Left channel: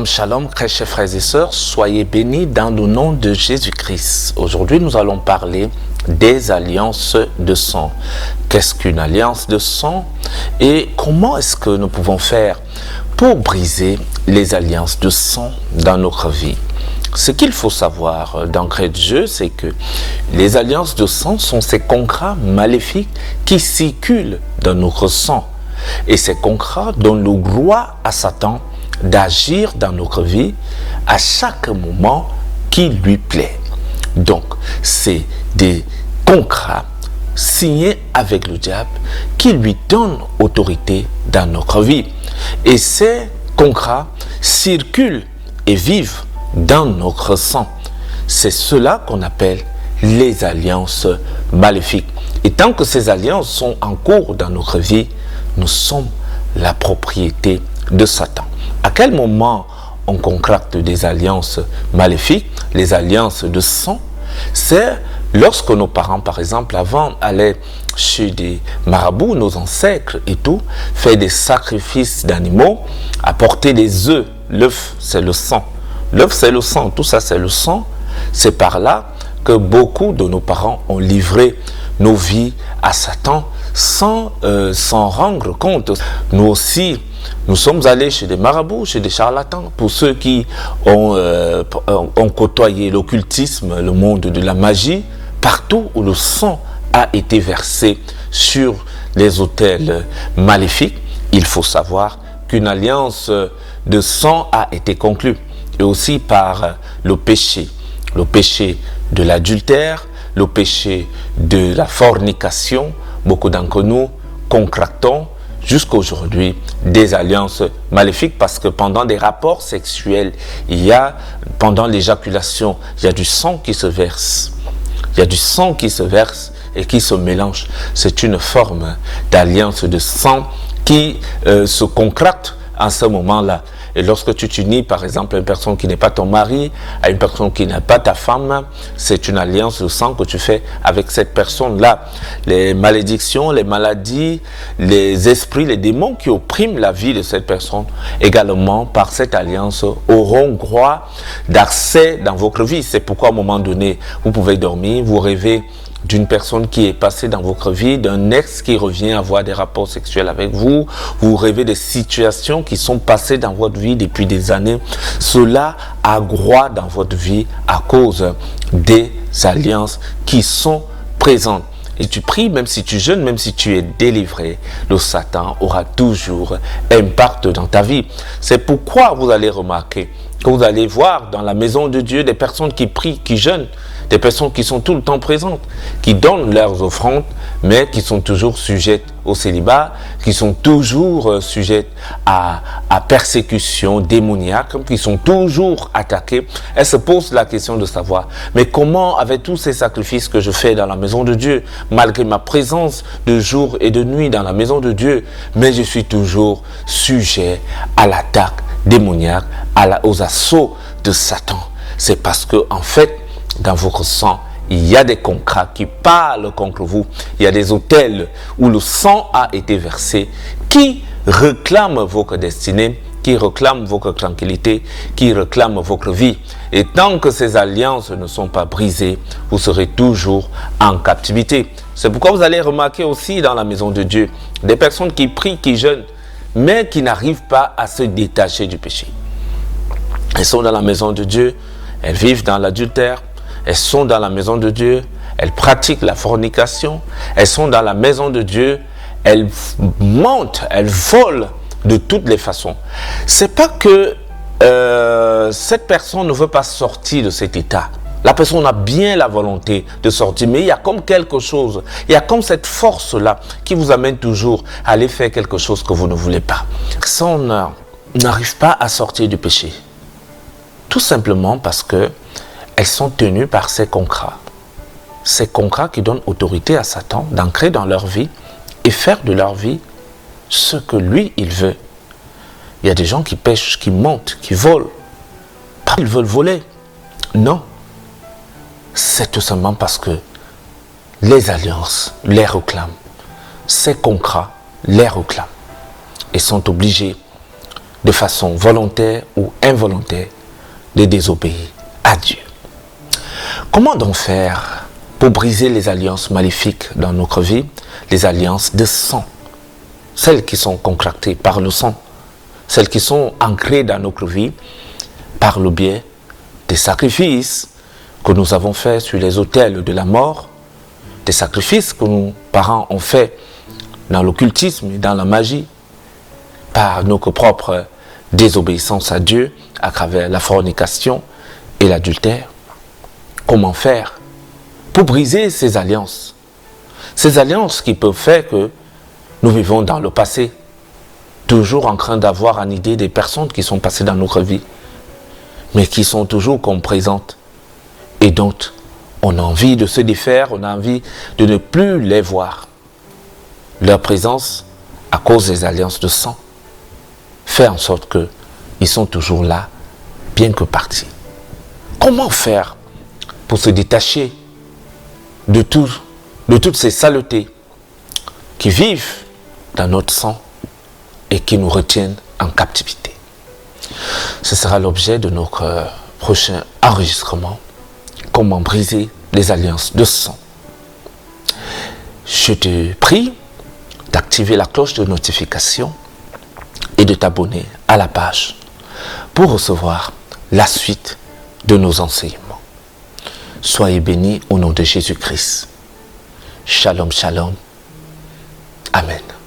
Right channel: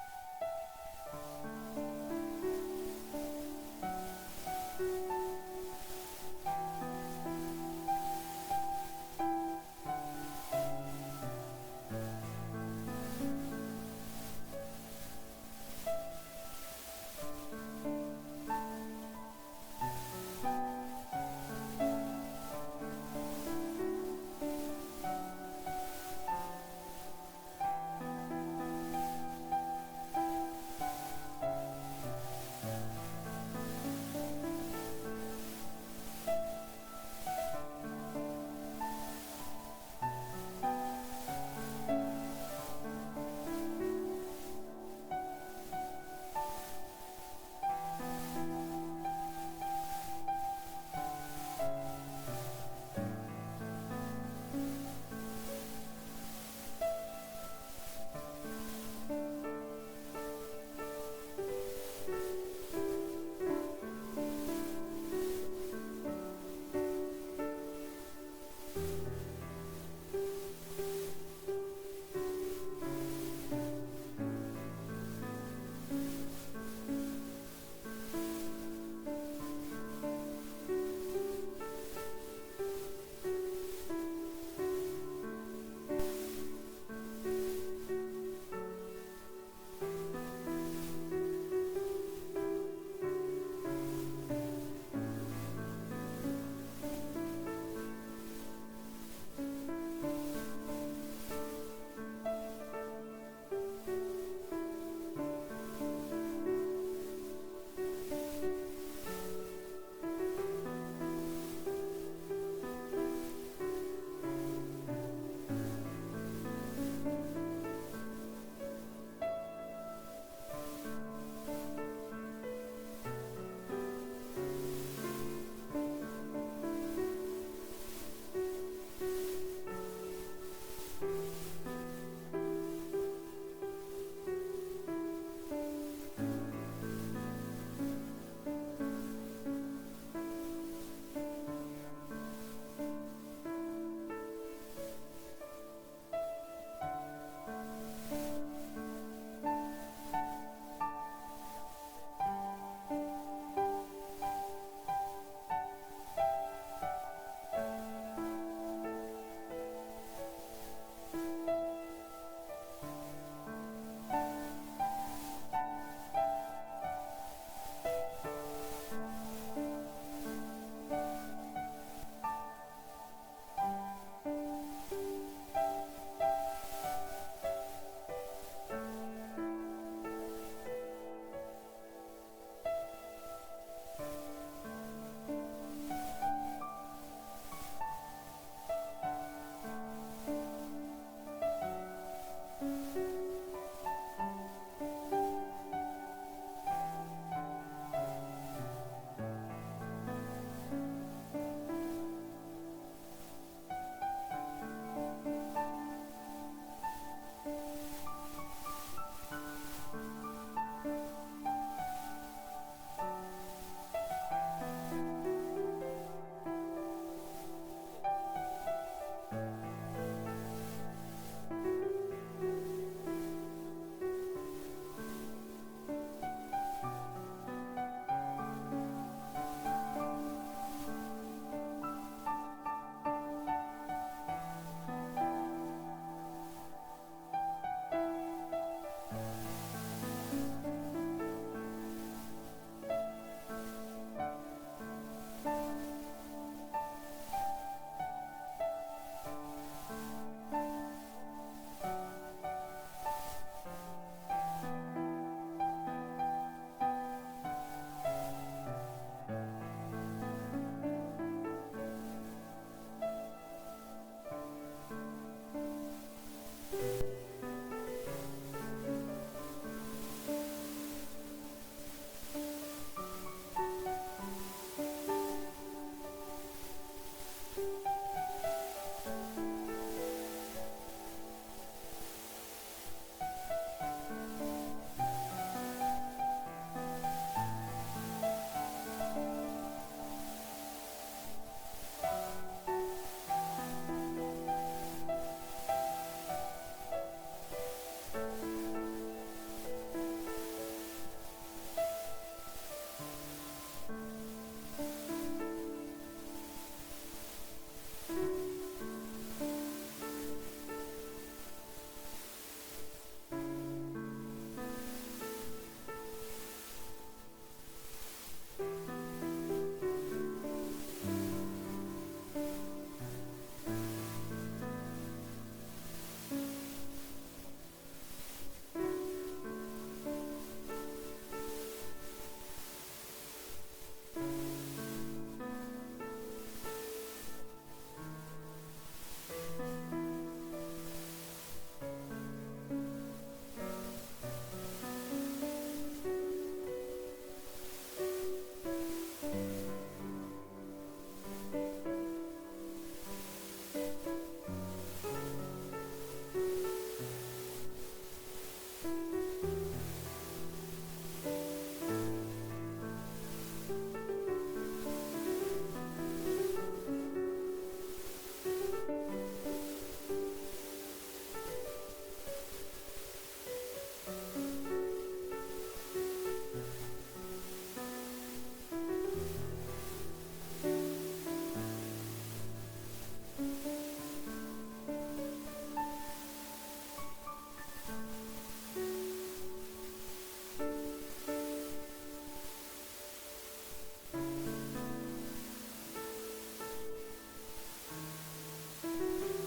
Shalom, shalom, très chers frères et sœurs, soyez bénis dans le nom de Jésus-Christ. Aujourd'hui, nous allons parler des alliances de sang. Qu'est-ce qu'une alliance de sang et comment est-ce que nous pouvons faire pour briser les alliances de sang dans notre vie? Ce qu'il faut savoir d'entrée de jeu, c'est que les alliances de sang sont ces contrats maléfiques qui circulent dans notre sang. Et ces contrats donnent le droit à Satan d'agir dans notre vie à chaque moment qui lui plaît. Donc, c'est des contrats signés avec le diable qui lui donnent autorité dans notre vie. Et ces contrats circulent et vivent dans notre sang. C'est cela qu'on appelle les alliances maléfiques. Et tant que ces alliances sont en cours dans notre vie, nous sommes la propriété de Satan. À quel moment on contracte des alliances maléfiques, les alliances de sang? C'est lorsque nos parents, par exemple, avant, allaient chez des marabouts, nos ancêtres et tout, faire des sacrifices d'animaux, apporter des œufs. L'œuf, c'est le sang. L'œuf, c'est le sang. Tout ça, c'est le sang. C'est par là que beaucoup de nos parents ont livré nos vies à Satan sans s'en rendre compte. Nous aussi, nous sommes allés chez des marabouts, chez des charlatans. Pour ceux qui ont côtoyé l'occultisme, le monde de la magie, partout où le sang a été versé sur les autels maléfiques, il faut savoir qu'une alliance de sang a été conclue. Et aussi par le péché de l'adultère, le péché de la fornication. Beaucoup d'entre nous contractons jusqu'à aujourd'hui des alliances maléfiques parce que pendant des rapports sexuels, pendant l'éjaculation, il y a du sang qui se verse. Il y a du sang qui se verse et qui se mélange. C'est une forme d'alliance de sang qui se contracte à ce moment-là. Et lorsque tu t'unis, par exemple, à une personne qui n'est pas ton mari, à une personne qui n'est pas ta femme, c'est une alliance de sang que tu fais avec cette personne-là. Les malédictions, les maladies, les esprits, les démons qui oppriment la vie de cette personne, également par cette alliance, auront droit d'accès dans votre vie. C'est pourquoi à un moment donné, vous pouvez dormir, vous rêvez d'une personne qui est passée dans votre vie, d'un ex qui revient avoir des rapports sexuels avec vous, vous rêvez des situations qui sont passées dans votre vie depuis des années. Cela a droit dans votre vie à cause des alliances qui sont présentes. Et tu pries, même si tu jeûnes, même si tu es délivré, le Satan aura toujours impact dans ta vie. C'est pourquoi vous allez remarquer que vous allez voir dans la maison de Dieu des personnes qui prient, qui jeûnent, des personnes qui sont tout le temps présentes, qui donnent leurs offrandes, mais qui sont toujours sujettes au célibat, qui sont toujours sujettes à persécution démoniaque, qui sont toujours attaquées. Elles se posent la question de savoir, mais comment, avec tous ces sacrifices que je fais dans la maison de Dieu, malgré ma présence de jour et de nuit dans la maison de Dieu, mais je suis toujours sujet à l'attaque démoniaque, aux assauts de Satan. C'est parce que, en fait, dans votre sang, il y a des contrats qui parlent contre vous. Il y a des autels où le sang a été versé, qui réclament votre destinée, qui réclament votre tranquillité, qui réclament votre vie. Et tant que ces alliances ne sont pas brisées, vous serez toujours en captivité. C'est pourquoi vous allez remarquer aussi dans la maison de Dieu, des personnes qui prient, qui jeûnent, mais qui n'arrivent pas à se détacher du péché. Elles sont dans la maison de Dieu, elles vivent dans l'adultère, elles sont dans la maison de Dieu, elles pratiquent la fornication, elles sont dans la maison de Dieu, elles mentent, elles volent de toutes les façons. C'est pas que cette personne ne veut pas sortir de cet état. La personne a bien la volonté de sortir, mais il y a comme quelque chose, il y a comme cette force-là qui vous amène toujours à aller faire quelque chose que vous ne voulez pas. Ça, on n'arrive pas à sortir du péché. Tout simplement parce que elles sont tenues par ces contrats. Ces contrats qui donnent autorité à Satan d'ancrer dans leur vie et faire de leur vie ce que lui, il veut. Il y a des gens qui pêchent, qui mentent, qui volent. Pas qu'ils veulent voler. Non. C'est tout simplement parce que les alliances les réclament. Ces contrats les réclament. Et sont obligés de façon volontaire ou involontaire, de désobéir à Dieu. Comment donc faire pour briser les alliances maléfiques dans notre vie, les alliances de sang, celles qui sont contractées par le sang, celles qui sont ancrées dans notre vie par le biais des sacrifices que nous avons faits sur les autels de la mort, des sacrifices que nos parents ont faits dans l'occultisme et dans la magie, par notre propre désobéissance à Dieu à travers la fornication et l'adultère. Comment faire pour briser ces alliances qui peuvent faire que nous vivons dans le passé, toujours en train d'avoir en idée des personnes qui sont passées dans notre vie, mais qui sont toujours comme présentes. Et donc, on a envie de se défaire, on a envie de ne plus les voir. Leur présence, à cause des alliances de sang, fait en sorte qu'ils sont toujours là, bien que partis. Comment faire pour se détacher de toutes ces saletés qui vivent dans notre sang et qui nous retiennent en captivité? Ce sera l'objet de notre prochain enregistrement. Comment briser les alliances de sang. Je te prie d'activer la cloche de notification et de t'abonner à la page pour recevoir la suite de nos enseignements. Soyez bénis au nom de Jésus-Christ. Shalom, shalom. Amen.